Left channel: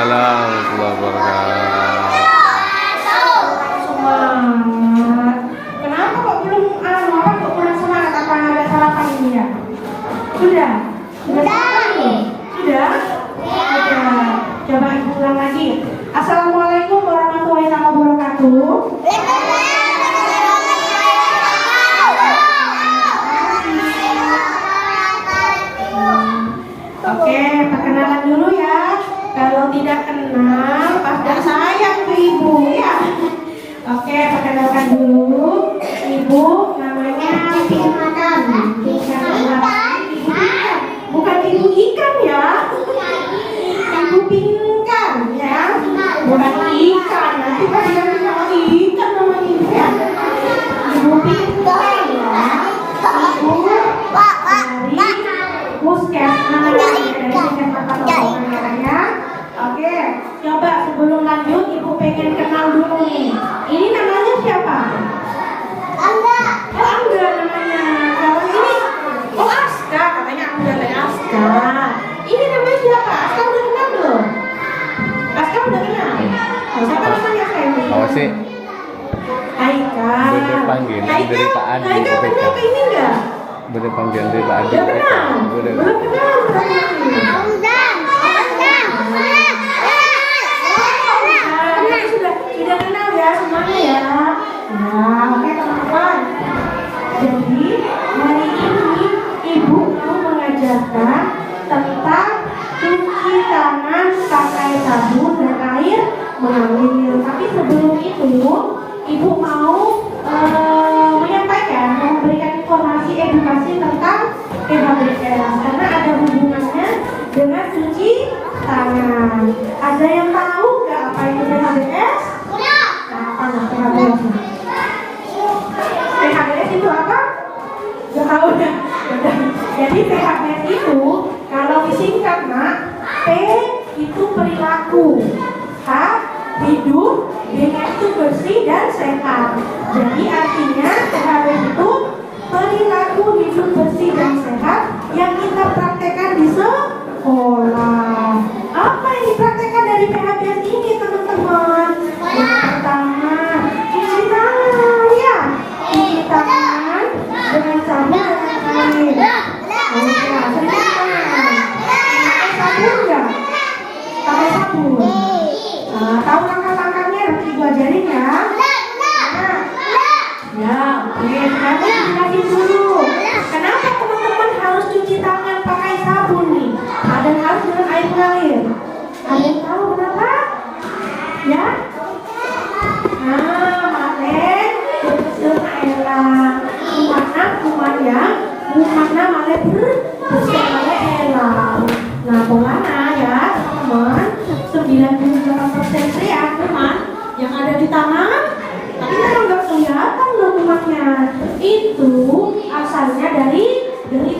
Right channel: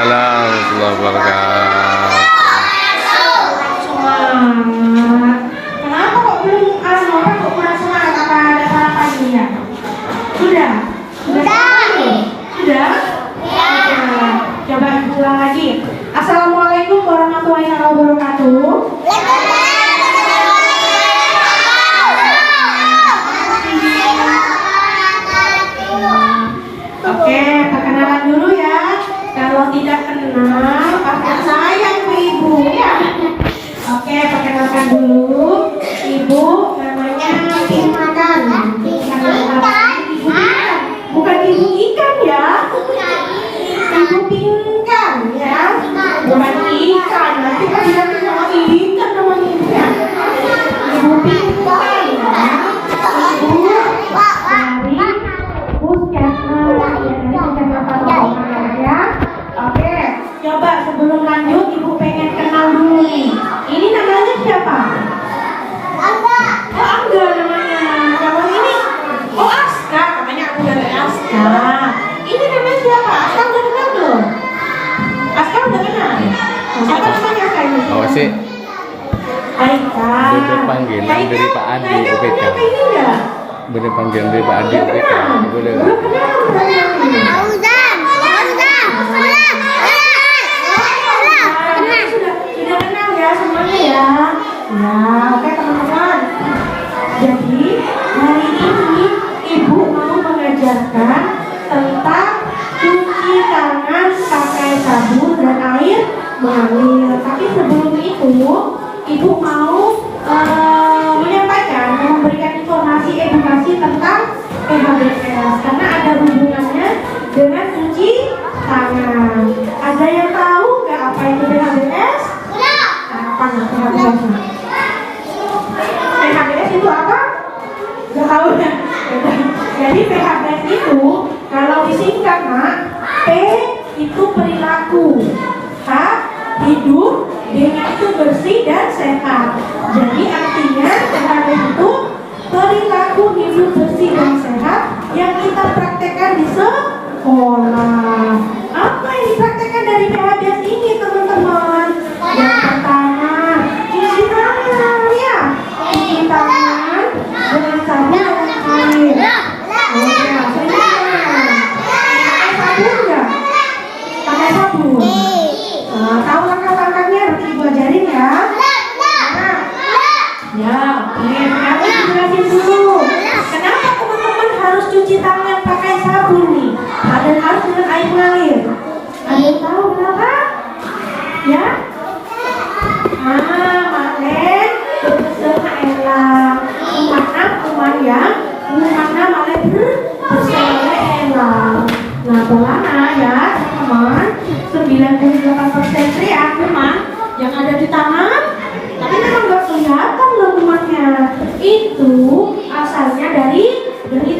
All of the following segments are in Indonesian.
Waalaikumsalam warahmatullahi wabarakatuh. Semangat. Kenapa kok belum orang kok kurang semangat? Apa ada sarapan ini ya? Sudah? Sudah? Oke. Coba ulang lagi. Assalamualaikum warahmatullahi wabarakatuh. Oke, perkenalan dulu ya. Kalau tidak kenal, pasti sayang ibu ya. Oke, perkenalkan dulu. Ibu namanya Pinkan. Bukan ibu ikan ya. Ibu Pinkan ya. Bukan ikan. Nanti kan diganti sama ikan namanya ibu ya. Ibu Pinkan ya. Ibu dari puskesmas ya. Oke, coba sebelum lanjut ibu pengen kenal dulu nih. Ini namanya siapa? Angga. Oh, Angga namanya. Kalau ini, oh Aska, katanya aku dari Aska. Ini namanya siapa? Aska udah kenal belum? Aska udah kenal. Siapa namanya Aska ini? Oh sih. Aika. Bener panggilan dari Pak Adi UPK. Ini enggak? Bener panggilan dari Pak Adi UPK. Bener. Sudah kenal ya semuanya ya. Nah, oke teman-teman. Jadi hari ini ibu mau mengajarkan tentang cuci tangan pakai sabun dan air mengalir. Tapi sebelum itu, ibu mau menyampaikan, memberikan informasi edukasi tentang PHBS karena ada hubungannya dengan cuci tangan. Ada yang tahu nggak apa itu PHBS? Apa nggak PHBS? PHBS itu apa? Nggak tahu ya. Jadi PHBS itu kalau disingkat mak, P itu perilaku, H hidup, D-nya itu bersih dan sehat. Jadi artinya PHBS itu perilaku hidup bersih dan sehat yang kita praktekkan di sekolah. Apa yang dipraktekkan dari PHBS ini teman-teman? Yang pertama, cuci tangan ya. Cuci tangan dengan sabun dan air. Oh ya, cuci tangan. Pakai sabun nggak? Pakai sabun. Nah, tahu langkah-langkahnya nanti ibu ajarin ya. Nah, ya, oke. Sekarang dijelasin dulu. Kenapa teman-teman harus cuci tangan pakai sabun nih? Dan harus dengan air mengalir. Ada yang tahu kenapa? Ya? Malen berselang. Kumana malen berselang. Nah, kumana ya teman-teman, 98% teriak kuman yang ada di tangan, tapi memang nggak kelihatan loh kumannya. Itu asalnya dari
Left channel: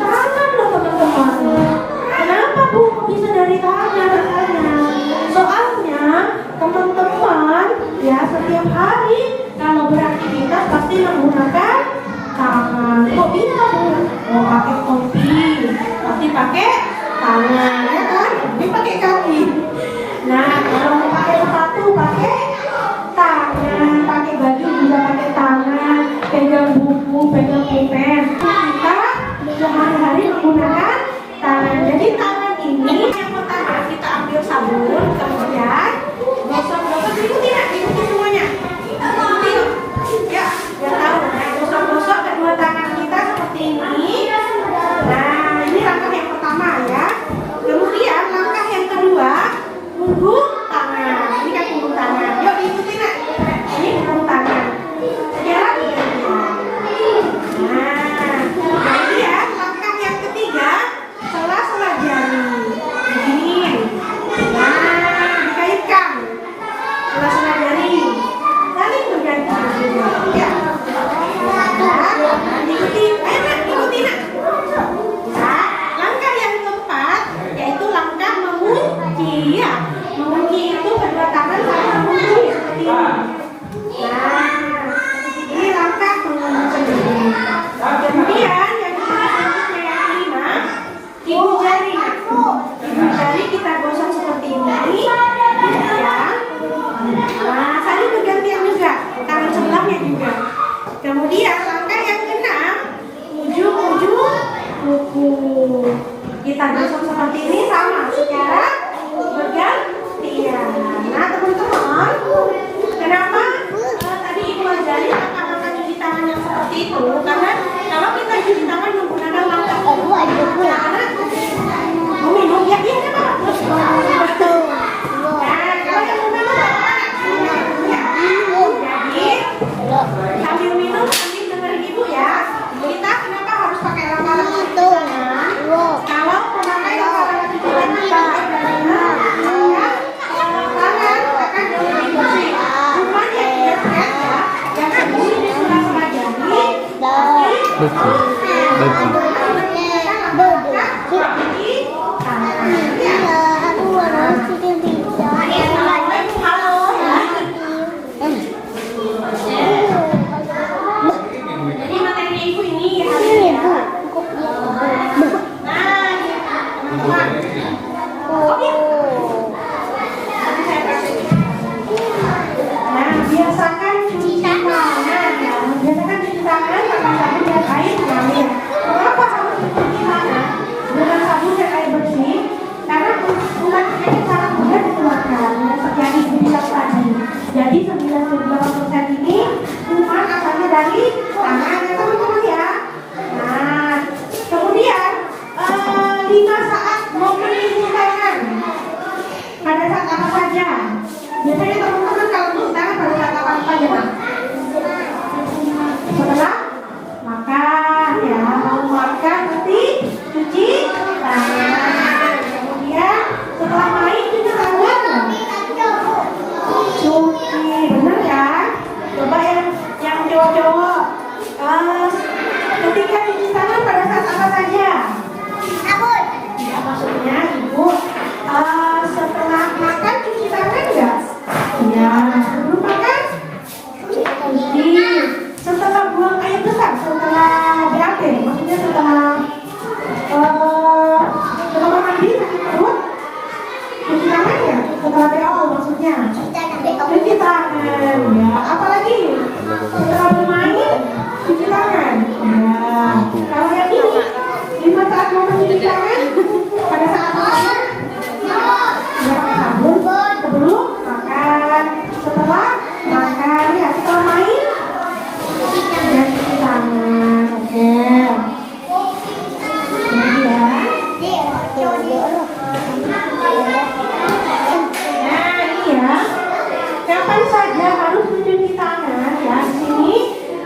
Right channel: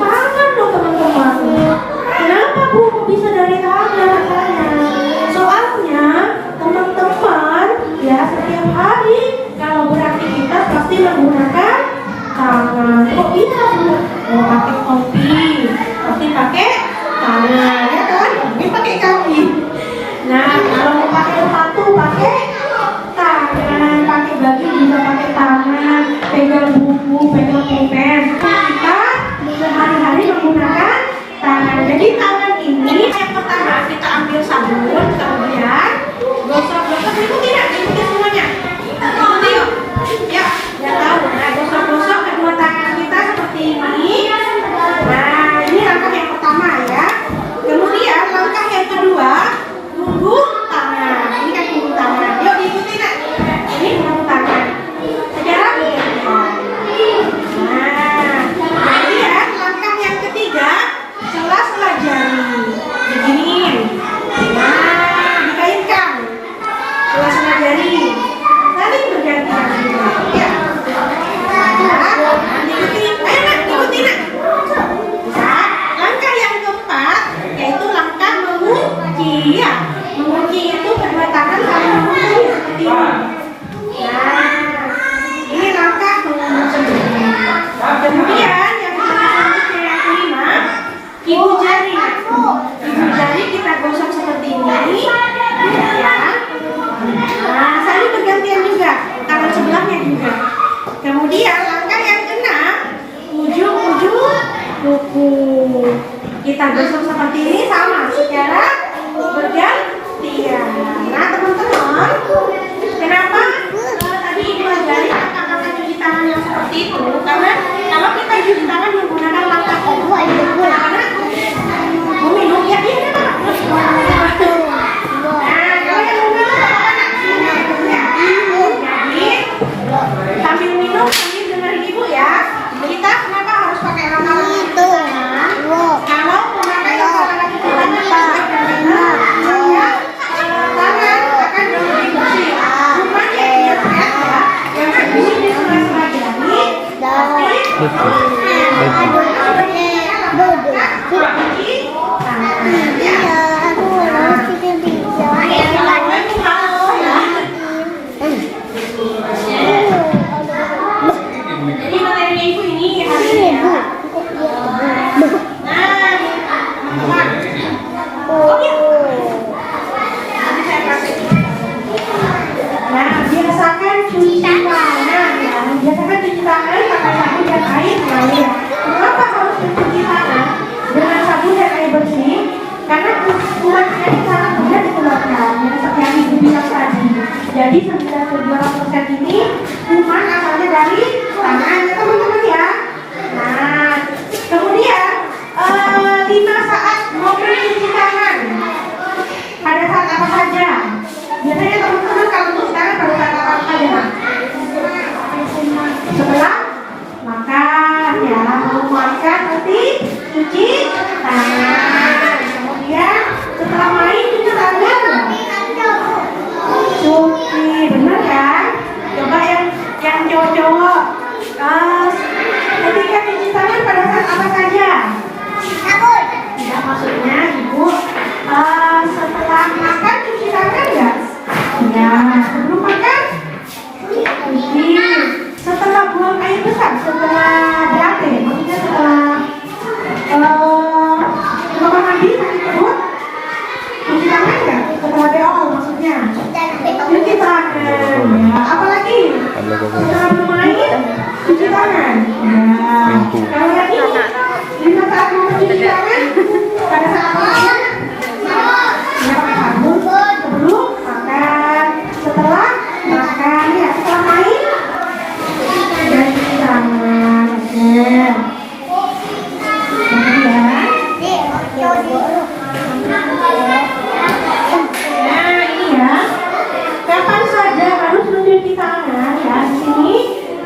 tangan loh teman-teman. Kenapa Bu bisa dari tangan asalnya? Soalnya teman-teman ya setiap hari kalau beraktivitas pasti menggunakan tangan. Kok bisa Bu? Mau pakai topi pasti pakai tangan ya kan? Mungkin pakai kaki. Nah kalau mau pakai sepatu pakai tangan, pakai baju juga pakai tangan, pegang buku, pegang pulpen kita itu karena kalau kita cuci tangan menggunakan langkah kedua itu karena mau minum ya dia kan terus. Nah kalau yang mau minum ya. Jadi sambil minum sambil dengerin ibu ya. Kita kenapa harus pakai langkah itu? Kalau memakai langkah cuci tangan yang baik dan benar, maka tangan akan jauh lebih bersih. Rupanya dia lihat ya, yang sembunyi di sela-sela jari, jadi materinya ibu ini hari ini ya. Nah, teman-teman. Oke. Nanti saya kasih. Nah, biasakan cuci tangan ya. Biasakan cuci tangan pakai sabun dan air mengalir ya. Kenapa harus mencuci tangan dengan sabun dan air bersih? Karena kuman ini sangat mudah dikeluarkan seperti yang ibu bilang tadi. Jadi 92% ini kuman asalnya dari tangan teman-teman ya. Nah, kemudian 5 saat momen cuci tangan pada saat apa saja? Biasanya teman-teman kalau cuci tangan pada saat apa saja? Setelah makan ya, kalau makan nanti cuci tangan. Kemudian setelah main cuci tangan. Cuci, benar kan? Coba yang cowok-cowok. Ketika cuci tangan pada saat apa saja? Ya maksudnya ibu setelah makan cuci tangan nggak? Ya sebelum makan cuci. Setelah buang air besar, setelah BAB, maksudnya setelah mandi sakit perut, cuci tangan nggak? Setelah BO maksudnya cuci tangan. Ya apalagi setelah bermain cuci tangan. Ya kalau yang ini 5 saat mau cuci tangan pada saat makan ya pakai sabun sebelum makan, setelah makan ya, setelah main dan cuci tangan. Oke. Nah ini ya, kapan saja harus mencuci tangan ya di sini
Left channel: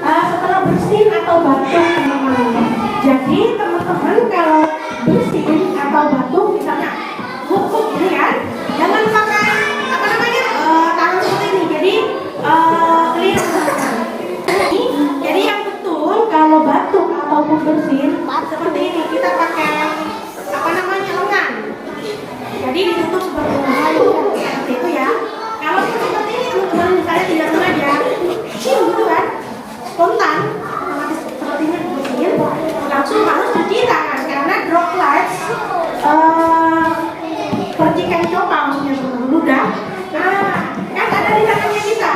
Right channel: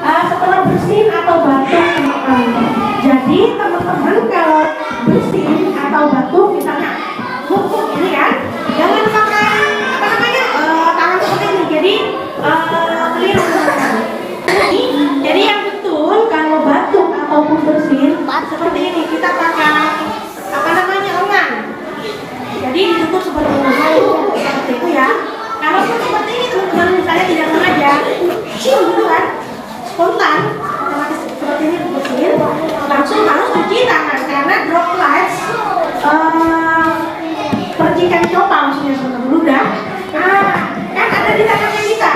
setelah bersin atau batuk teman-teman. Jadi teman-teman kalau bersin atau batuk misalnya kuku ini ya, jangan pakai apa namanya tangan seperti ini. Jadi keliru teman-teman. Jadi yang betul kalau batuk ataupun bersin seperti ini kita pakai apa namanya lengan. Jadi ditutup seperti itu ya. Kalau seperti ini teman-teman misalnya tidak sengaja, gitu kan, spontan seperti ini bersin, langsung harus cuci tangan karena droplets percikan copa maksudnya teman-teman ludah. Kan ada di tangannya kita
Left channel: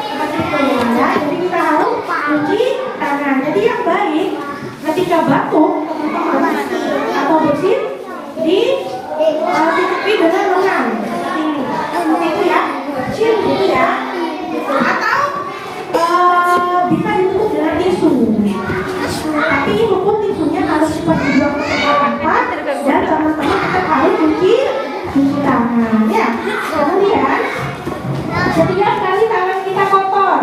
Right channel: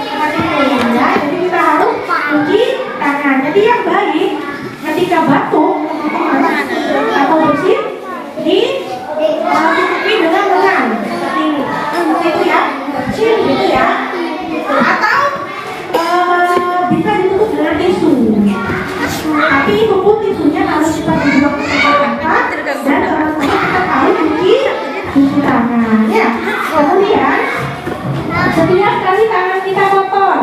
seperti itu ya. Jadi kita harus cuci tangan. Jadi yang baik ketika batuk teman-teman atau bersin ditutupi dengan lengan seperti ini, seperti itu ya, kecil gitu ya, atau bisa ditutup dengan tisu. Tapi ibu pun tisunya harus seperti blok rata dan teman-teman tetap harus cuci tangan ya. Kemudian setiap kali tangan kita kotor,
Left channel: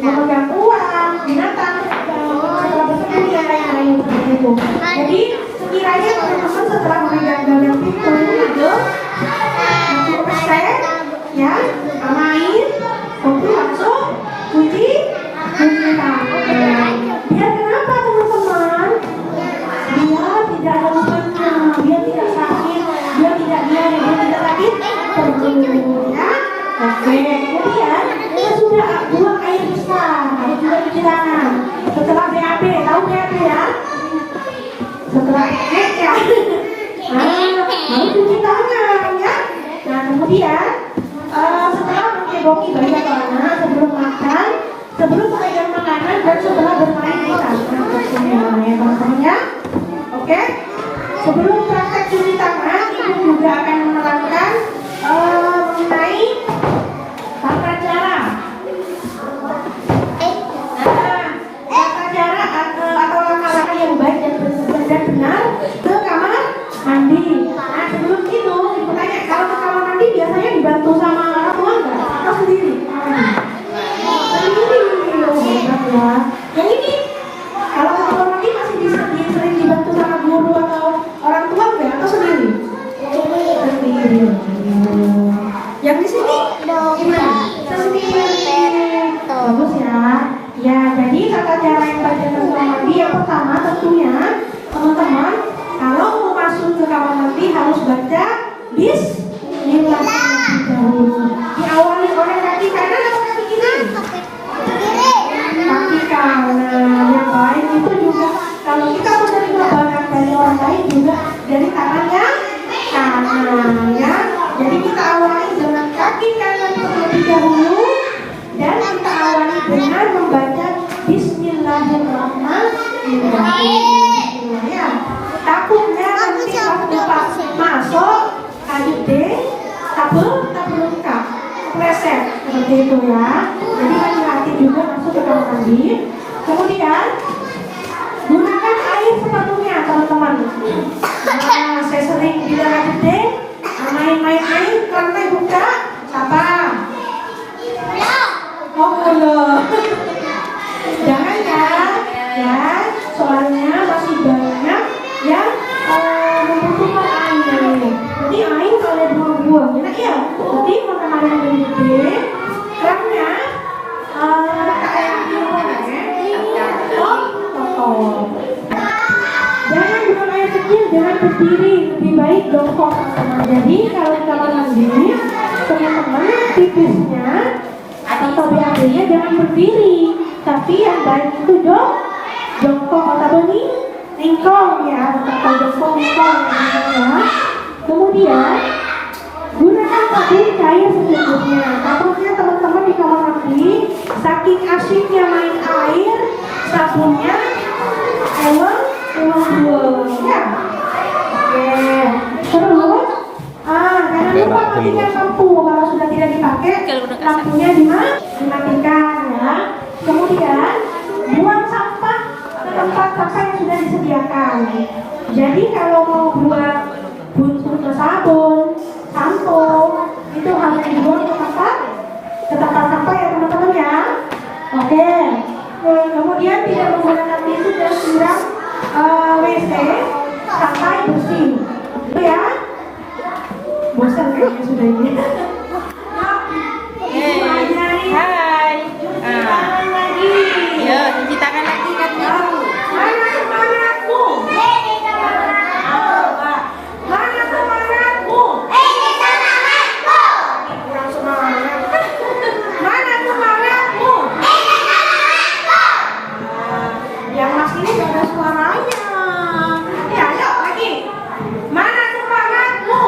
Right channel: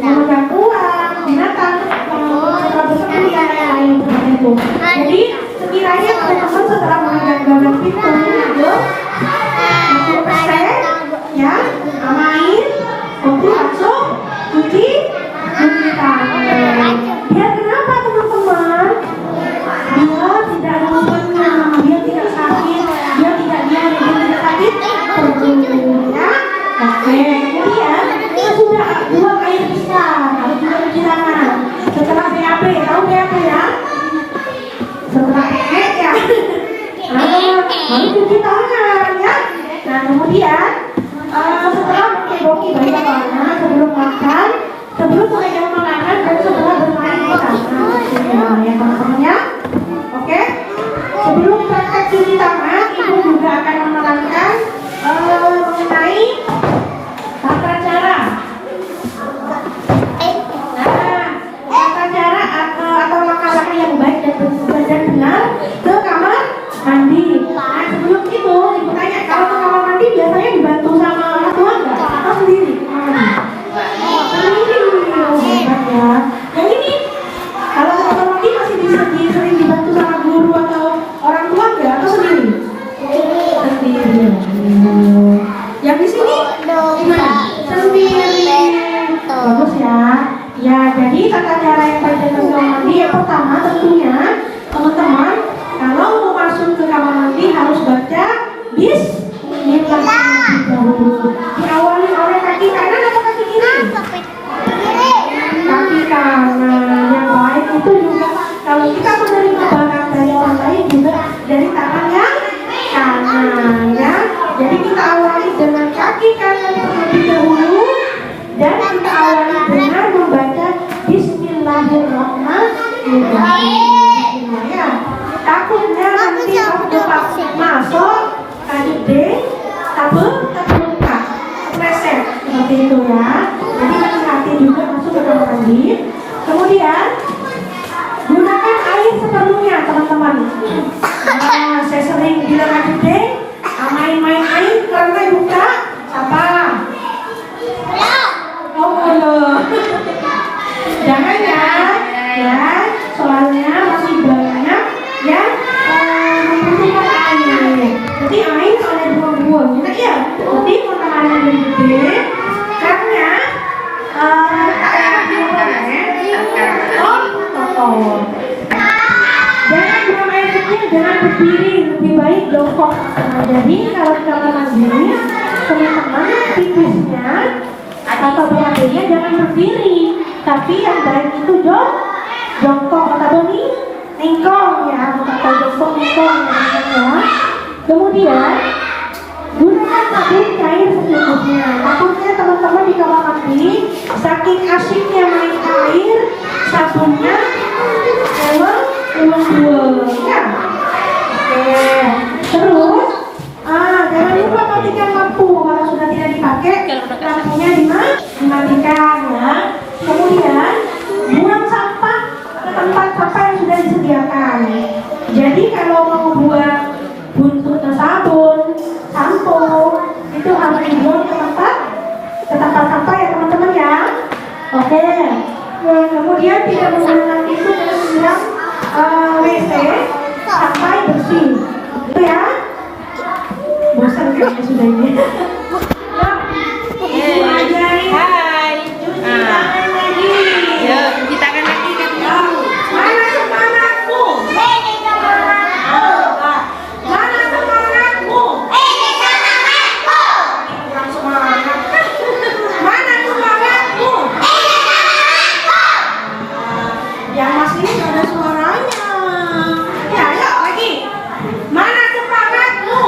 memegang uang, binatang, setelah bersepuluh dan lain-lain seperti itu. Jadi sekiranya teman-teman setelah memegang gagang pintu itu 10% ya, main, untuk langsung cuci tangan. Biar kenapa teman-teman? Biar tidak ada lumpurnya, biar tidak sakit, biar tidak diare, biar tidak sakit perut ya. Oke, kemudian kita sudah buang air besar, harus juga cuci tangan. Setelah BAB, tahu BAB ya? Setelah ya, harus cuci tangan ya. Nah kemudian setelah mengeboki bayi atau anak, sebelum makan, sebelum memegang makanan dan setelah bermain di tangan ya teman-teman ya. Oke, sebelum praktek cuci tangan, ibu juga akan menerangkan mengenai tata cara. Tata cara Jadi tata cara yang baik dalam kamar mandi yang pertama tentunya teman-teman kalau mau masuk ke kamar mandi harus baca Bismillahirrahmanirrahim. Diawali oleh kaki kanan atau kaki kiri? Kaki kanan. Yang baik itu juga kalau kita menerima barang dari orang lain juga dari tangan yang kanan ya. Jadi kita awali dengan kaki kanan terlebih dahulu dan kita awali dengan membaca Bismillahirrahmanirrahim. Ya. Takutnya nanti waktu pas masuk lanjut deh, luka, kepleset seperti itu ya. Jadi hati-hati juga masuk ke kamar mandi. Kemudian gunakan air sepenuhnya teman-teman. Nah, saya sering bilang lanjut deh, main-main air karena buka apa? Oh loh. Jangan ya, soalnya masih banyak yang membutuhkan air. Jadi air kalau ada buang-buang, ya. Jadi teman-teman yang gede, karena jangan buang air kecil, jangan berdiri, lebih baik jongkok. Jadi kalau di kamar mandi, teman-teman tipisnya atau BAB-nya jangan berdiri, tapi yang baik itu jongkok atau ningkong ya, atau jongkok ningkong ya. Kemudian gunakan sabun cair secukupnya. Takutnya teman-teman di kamar mandi saking asinnya main air, sabunnya buang ya. Oke. Terus jangan lupa matikan lampu kalau sudah tidak dipakai, lampunya dimatikan ya. Kemudian buang sampah ke tempat sampah yang sudah disediakan. Jadi kalau mau buat buntut sabun, sampo itu harus dibuang ke tempat sampah ya teman-teman ya. Oke. Kemudian tidak menggunakan tisu dan siram WC sampai bersih. Itu ya. Bosan kayaknya sudah ini. Hai. Cuci tangan lagi. Ya, cuci tangan lagi kan. Mana semangatmu? Mana semangatmu? Kurang semangat. Mana semangatmu? Yang masih ini gak ada suaranya. Ya, ayo lagi. Mana semangatmu?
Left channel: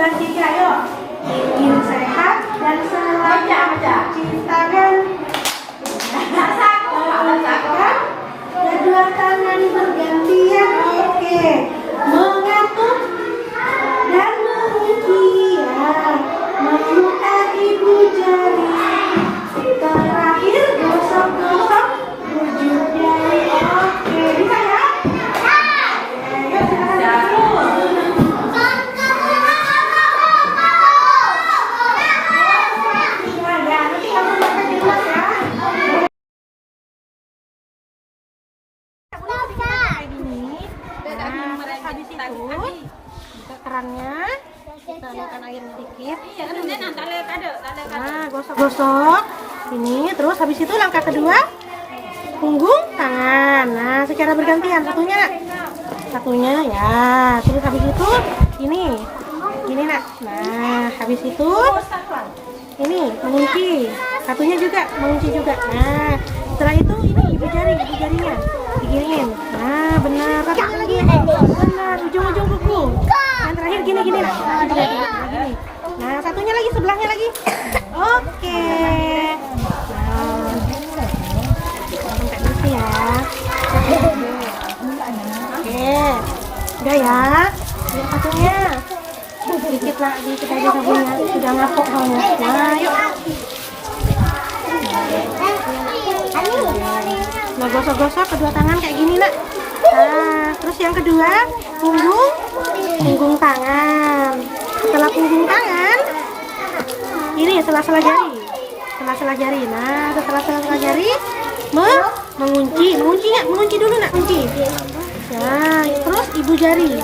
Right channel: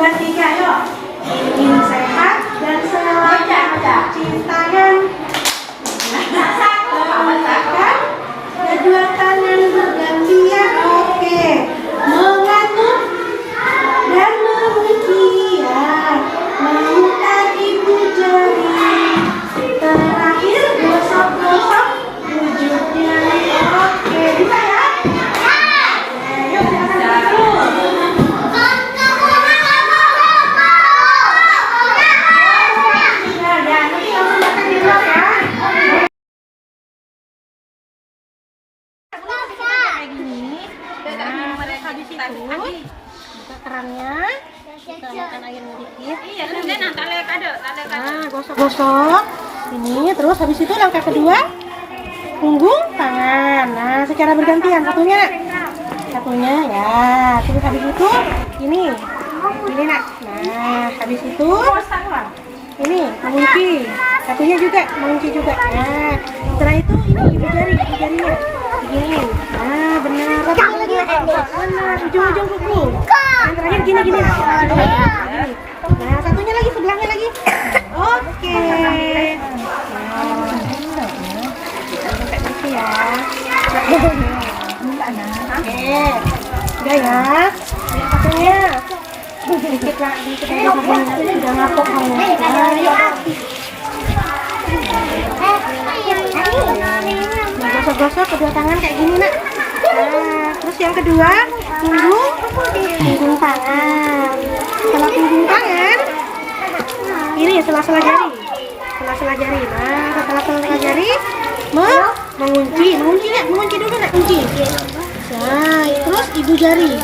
2, 3, yuk. Ingin sehat dan selalu cuci tangan. Menggunakan kedua tangan bergantian. Oke. Mengatuk dan mengunci ya. Memutar ibu jari. Terakhir gosok-gosok ujung jari. Oke, bisa ya? Yuk silakan dulu. Ya, nanti langsung makan di luar ya. Kayak gini. Nah, terus habis itu buka kerannya, kita makan air sedikit. Nah, gosok-gosok ini, terus habis itu langkah kedua, punggung tangan. Nah, secara bergantian, satunya ya. Terus habis itu ini nak. Nah, habis itu ini mengunci, satunya juga mengunci juga. Nah, setelah itu ini ibu jarinya diginiin. Nah, benar. Satunya lagi, benar, ujung-ujung kuku. Yang terakhir gini nak. Gini. Nah, satunya lagi, sebelahnya lagi. Oke. Nah, kita minta bersih ya. Oke, udah ya. Ini satunya. Sedikit lagi kita sudah ngapok banget. Nah, yuk. Nah, gosok-gosok kedua tangan kayak gini nak. Nah, terus yang kedua punggung tangan. Setelah punggung tangan, ini sela-sela jari. Nah, setelah sela-sela jari, mengunci dulu nak, kunci. Nah, terus ibu jari,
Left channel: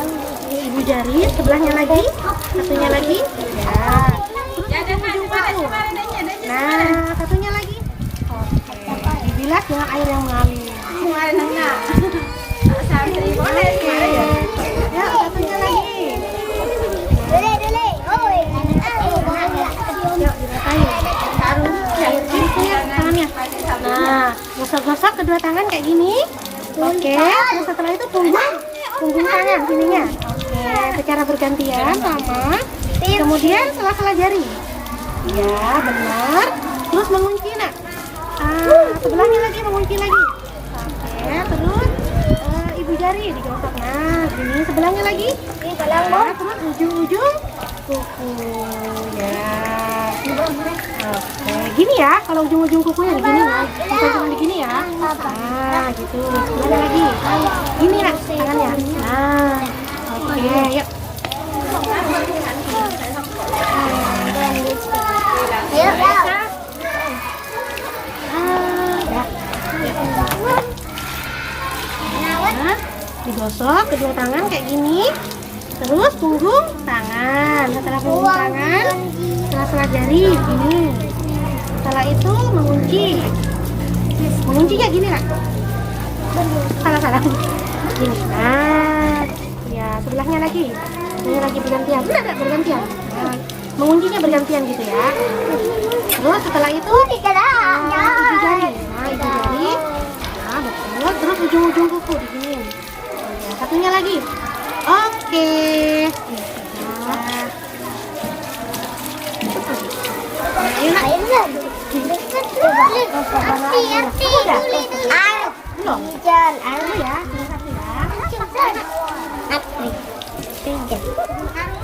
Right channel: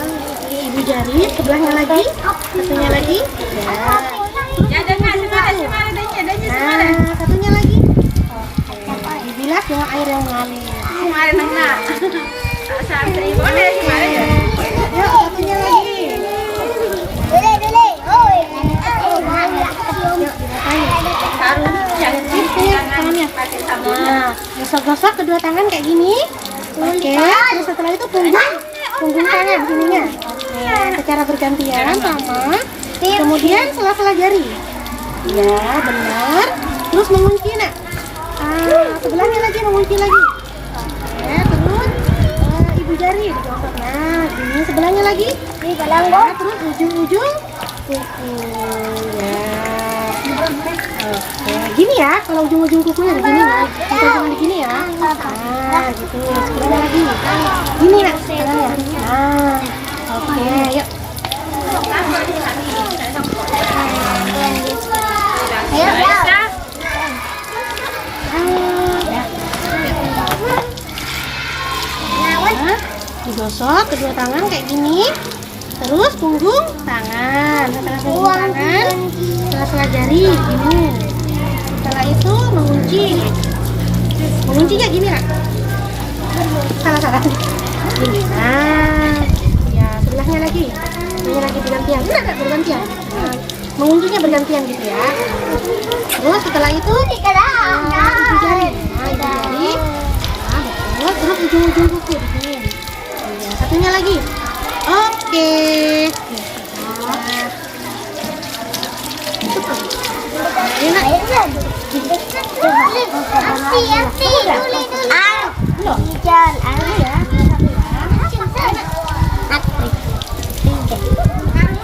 sebelahnya lagi, satunya lagi. Ya, terus ujung kuku. Nah, satunya lagi. Oke, dibilas dengan air yang mengalir. Oke, yuk satunya lagi. Yuk diratain. Tangannya. Nah, gosok-gosok kedua tangan kayak gini. Oke, terus setelah itu punggung tangan sininya. Oke, secara bergantian sama. Kemudian sela-sela jari. Ya, benar. Terus mengunci nak. Sebelahnya lagi mengunci lagi. Oke, terus ibu jari digosok. Nah, gini sebelahnya lagi. Nah, terus ujung-ujung kuku. Ya. Oke, gini ya. Kalau ujung-ujung kukunya begini ya. Bukan cuma begini ya. Nah, gitu. Sebelahnya lagi. Gini nak tangannya. Nah, oke, yuk. Digosok kedua tangan kayak gini, terus punggung tangan. Setelah punggung tangan, sela-sela jari gini. Setelah itu menguncinya gini nak. Salah gini. Nah, ya sebelahnya lagi bergantian. Enggak bergantian. Nah, menguncinya bergantian gitu ya. Terus setelah itu ibu jari. Nah, ibu jari. Nah, betul. Terus ujung-ujung kuku diginiin. Ya, satunya lagi. Oke. Nah, enak. Udah. Belum. Dulu ya.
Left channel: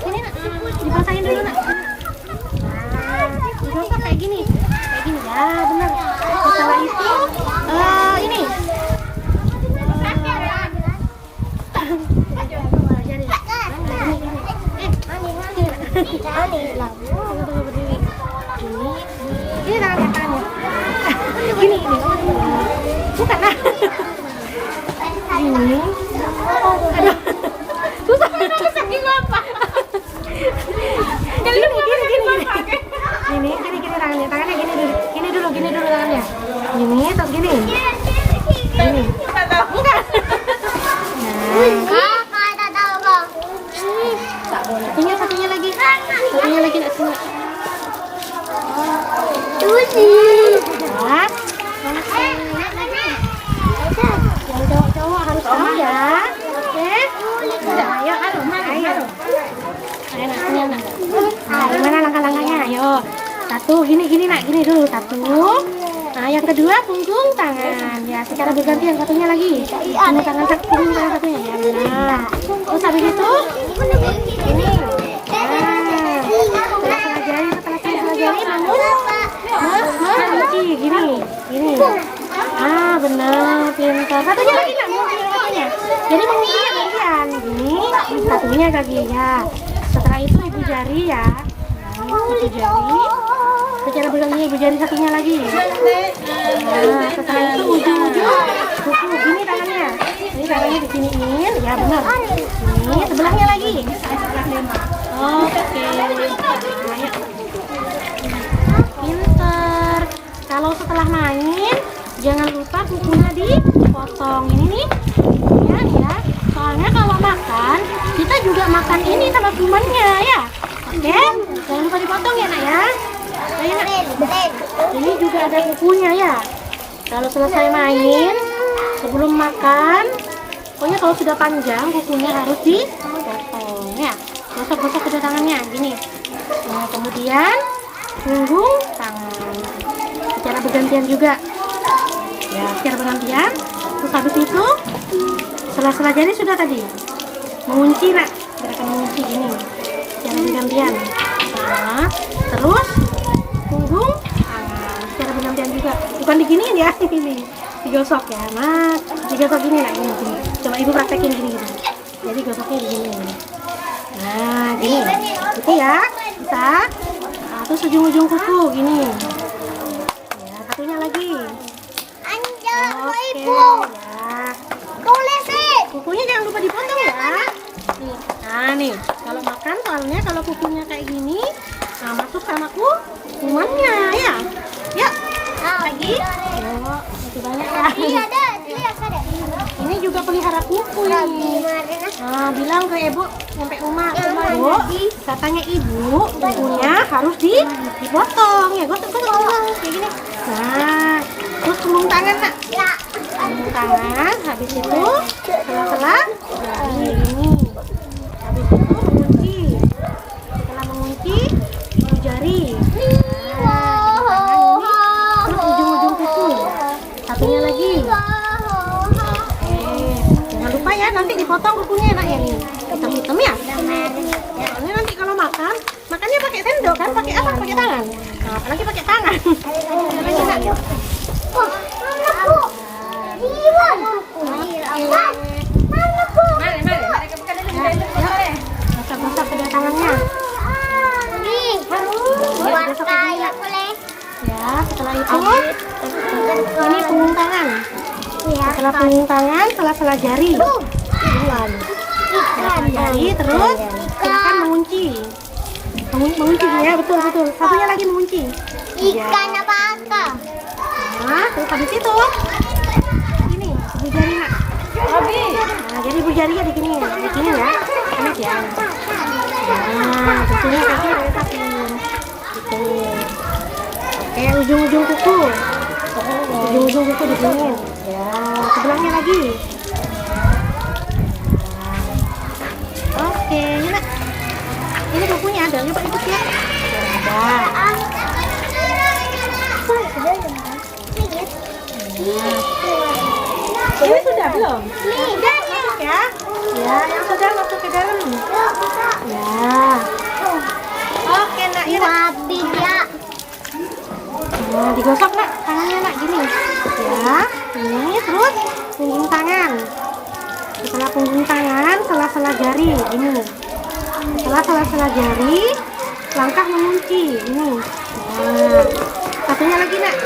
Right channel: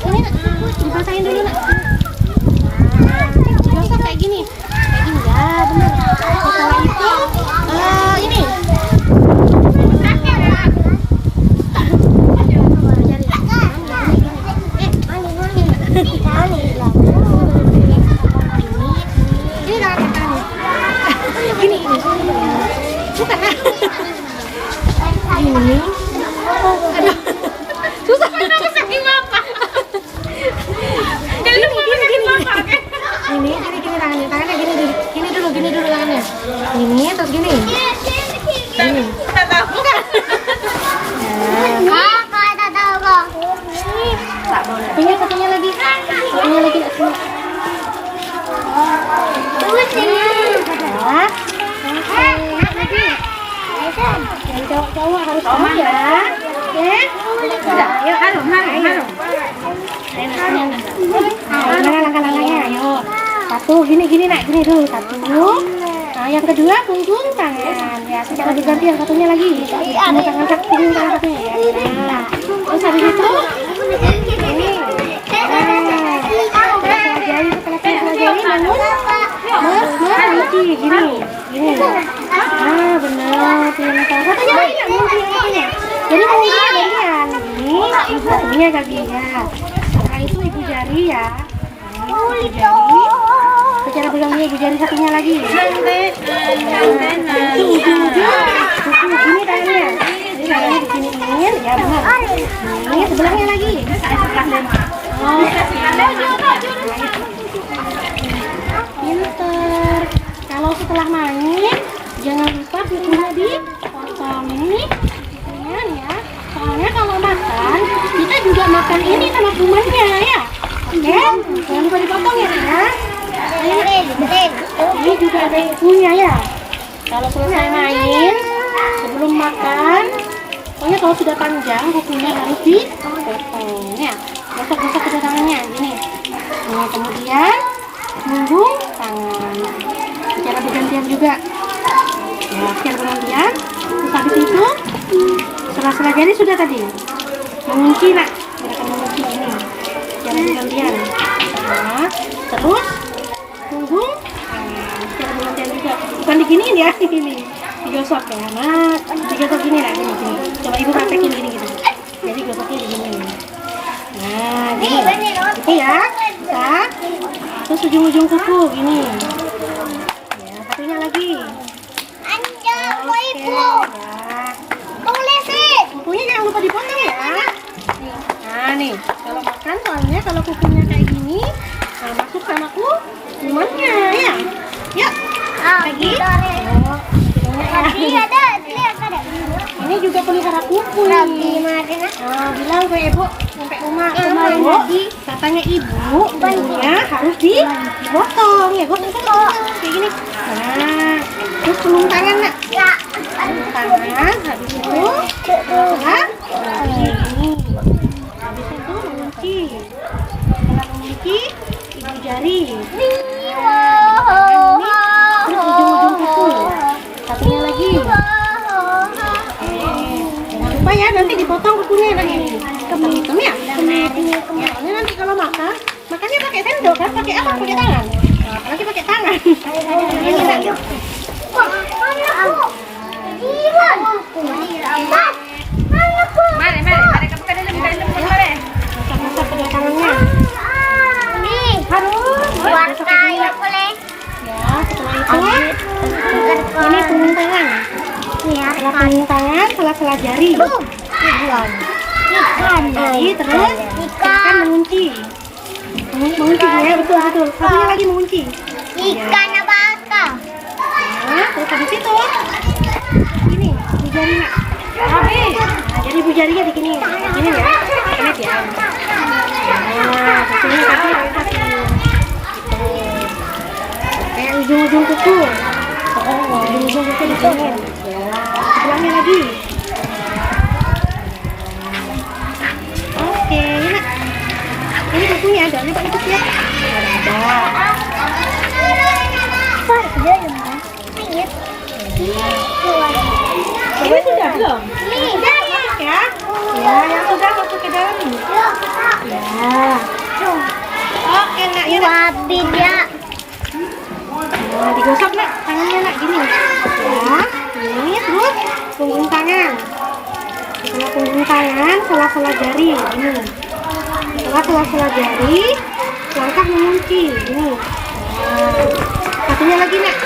Ini nak, dibasahin dulu nak. Nah, digosok kayak gini ya, benar. Setelah itu ini gini bukan lah ini aduh susah gini tangannya gini dulu tangannya gini terus gini enggak tak boleh satunya lagi nak yang cowok harus tahu ya. Oke. Udah, ayo harum. Gimana langkah-langkahnya? Ayo. Satu, gini nak, gini dulu. Satu. Nah, yang kedua punggung tangan. Ya, secara bergantian satunya lagi. Punggung tangan satunya. Nah, terus habis itu ini. Setelah jari mengunci gini. Ah, benar. Pintar. Satunya lagi nak mengunci satunya. Jadi gantian. Gini, satunya kakinya. Setelah itu ibu jari ya. Ibu jari. Secara bergantian ibu jari satunya lagi. Nah, setelah itu ujung-ujung kuku gini tangannya. Jadi tangannya di sini ini, ya benar. Ini sebelahnya lagi. Pinter. Kalau setelah main, jangan lupa kukunya dipotong ini. Ya. Soalnya kalau makan, kita juga makan ini sama kumannya ya. Jangan lupa dipotong ya. Ini juga ada kukunya ya. Kalau selesai main, sebelum makan, pokoknya kalau sudah panjang kukunya harus dipotong ya. Gosok kedua tangannya gini. Nah, kemudian punggung tangan. Secara bergantian juga. Ya, secara bergantian. Terus habis itu sela-sela jari sudah tadi. Mengunci nak. Mereka mengunci ini. Secara bergantian. Nah, terus punggung tangan. Secara bergantian juga. Bukan diginiin ya, ini. Digosok ya. Nah, digosok gini lah, gini. Coba ibu praktekin gini. Jadi gosoknya digini. Nah, gini. Gitu ya. Kita. Terus ujung-ujung kuku gini. Ya, satunya lagi. Oke, ya. Kukunya jangan lupa dipotong ya. Nih. Nah, nih. Kalau makan soalnya kalau kukunya kayak gini, nah, masuk sama kumannya ya. Yuk. Lagi. Ini juga pelihara kuku. Nah, bilang ke ibu sampai rumah ibu, katanya ibu kukunya harus dipotong ya, gosok kayak gini. Nah, terus punggung tangan nak. Punggung tangan, habis itu setelah ini, habis itu mengunci. Setelah mengunci, mau jari. Terus ujung-ujung kuku. Satunya lagi. Jangan lupa ya, nanti dipotong kukunya enaknya nih. Hitam-hitam ya. Soalnya nanti kalau makannya pakai sendok kan? Pakai apa? Pakai tangan. Nah, apalagi pakai tangan. Masak kedua tangannya. Ya, setelah itu ini punggung tangan. Setelah punggung tangan, sela-sela jari. Jari terus akan mengunci. Mengunci ya, betul. Satunya lagi mengunci. Ikan apa? Nah, terus habis itu ini ibu jari nak. Nah, jadi ibu jarinya di sini ya. Enak ya. Nah, satunya kaki angkat nih. Gitu. Kayak ujung-ujung kuku. Ujung-ujung kuku di sini. Ya, sebelahnya lagi. Oke, nak. Ini kukunya ada, coba ikut ya. Ada. Ini sudah belum? Sudah ya? Ya, yang sudah masuk ke dalam. Ya. Oke nak, ya nak. Nah, digosok nak, tangannya nak gini. Ya, ini terus punggung tangan. Setelah punggung tangan, sela-sela jari ini. Setelah sela-sela jari, langkah mengunci ini. Nah, satunya lagi nak.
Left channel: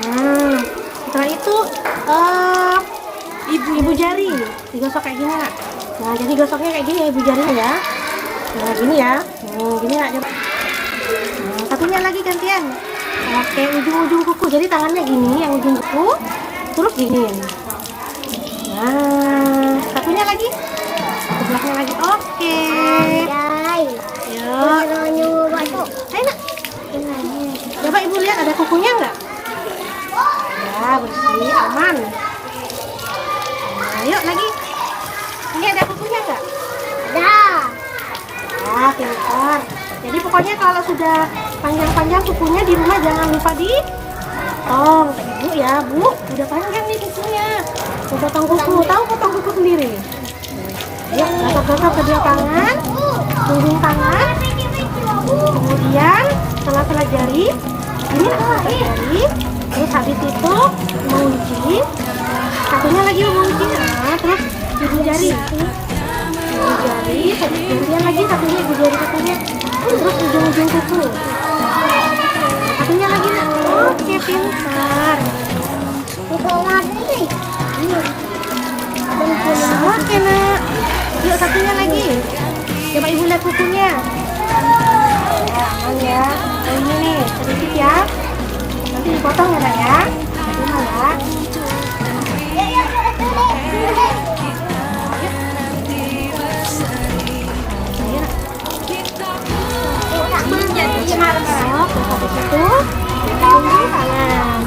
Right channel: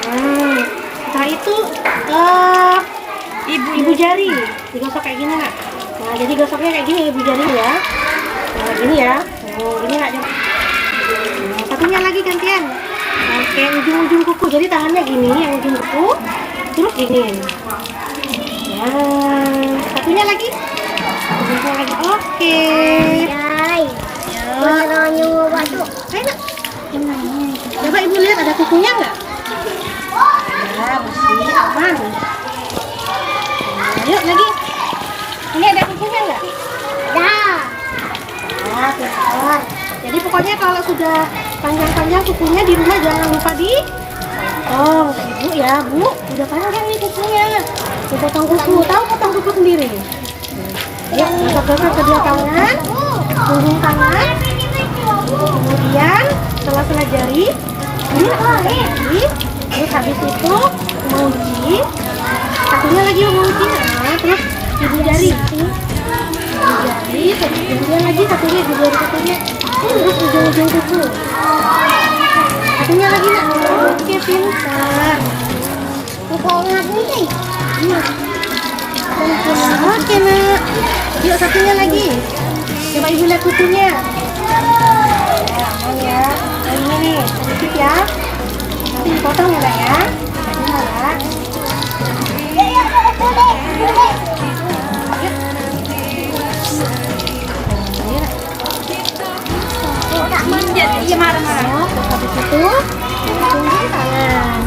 Nah, setelah itu ibu jari digosok kayak gini nak. Nah, jadi gosoknya kayak gini ibu jari ya. Nah, gini ya. Oh, gini nak. Nah, satunya lagi gantian. Oke, ujung-ujung kuku. Jadi tangannya gini, yang ujung kuku, terus gini. Nah, satunya lagi. Satunya lagi. Oke. Yuk. Ayo nak. Coba ibu lihat ada kukunya nggak? Ya, bersih, aman. Nah, yuk lagi. Ini ada kukunya nggak? Ada. Nah, pintar. Jadi pokoknya kalau sudah panjang-panjang kukunya di rumah jangan lupa dipotong. Ibu ya, Bu, udah panjang nih kukunya. Mau potong kuku, tahu potong kuku sendiri. Yuk, gosok-gosok kedua tangan, punggung tangan. Kemudian sela-sela jari, ini sela-sela jari. Terus habis itu mengunci, satunya lagi mengunci. Nah, terus ibu jari, kemudian lagi satunya ibu jari satunya. Terus ujung-ujung kuku, satunya lagi nak. Oke, pintar. Kuku lagi. Iya. Oke nak. Yuk satunya lagi. Coba ibu lihat kukunya. Jangan ya. Ini nih, sedikit ya. Nanti dipotong ya nak ya. Ini ya. Terus habis itu punggung tangan.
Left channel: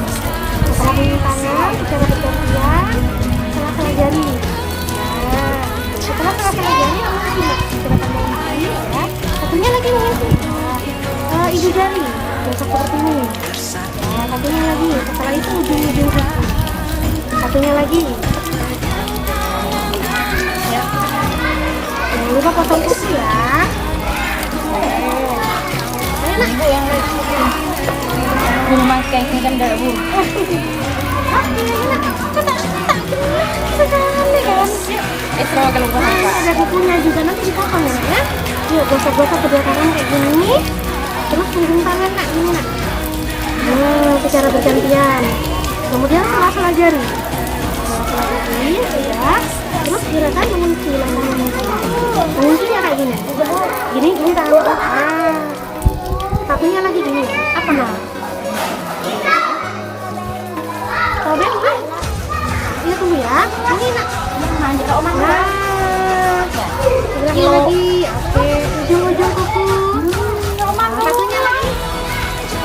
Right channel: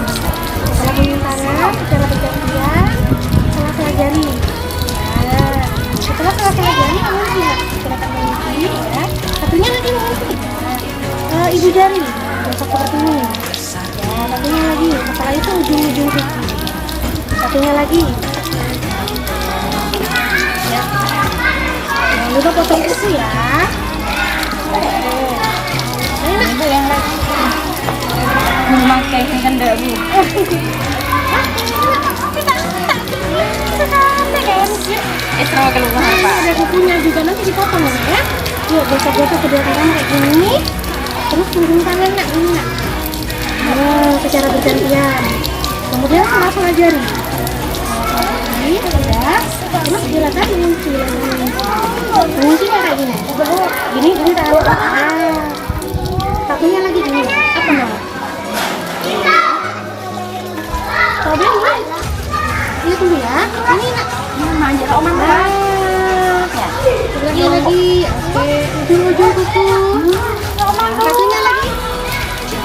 Setelah punggung tangan secara bergantian sela-sela jari. Nah, setelah sela-sela jari mengunci, silakan mengunci ya. Satunya lagi mengunci. Nah, ibu jari gosok seperti ini. Ya, satunya lagi. Setelah itu ujung-ujung kuku. Satunya lagi. Ya. Jangan lupa potong kuku ya. Itu yang lagi memakai kan dagu. Ada kukunya juga nanti dipotong ya. Yuk gosok-gosok kedua tangan kayak gini. Terus punggung tangan nak ini nak. Nah, secara bergantian. Kemudian sela-sela jari. Sela-sela jari ya. Terus silakan mengunci, menguncinya kayak gini. Gini tahu. Satunya lagi gini, apa nak? Coba ini, iya tunggu ya. Ini nak, manja kau mana? Sebelahnya lagi, oke. Ujung-ujung kuku. Nah, satunya lagi,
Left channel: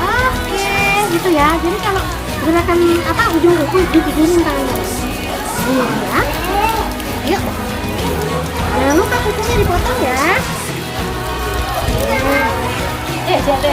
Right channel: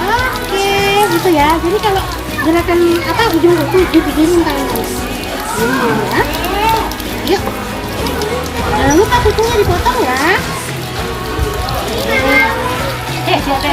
oke, gitu ya. Jadi kalau gerakan apa ujung kuku dipikirin tangan. Ini ya. Yuk. Jangan lupa kukunya dipotong ya. Siapa?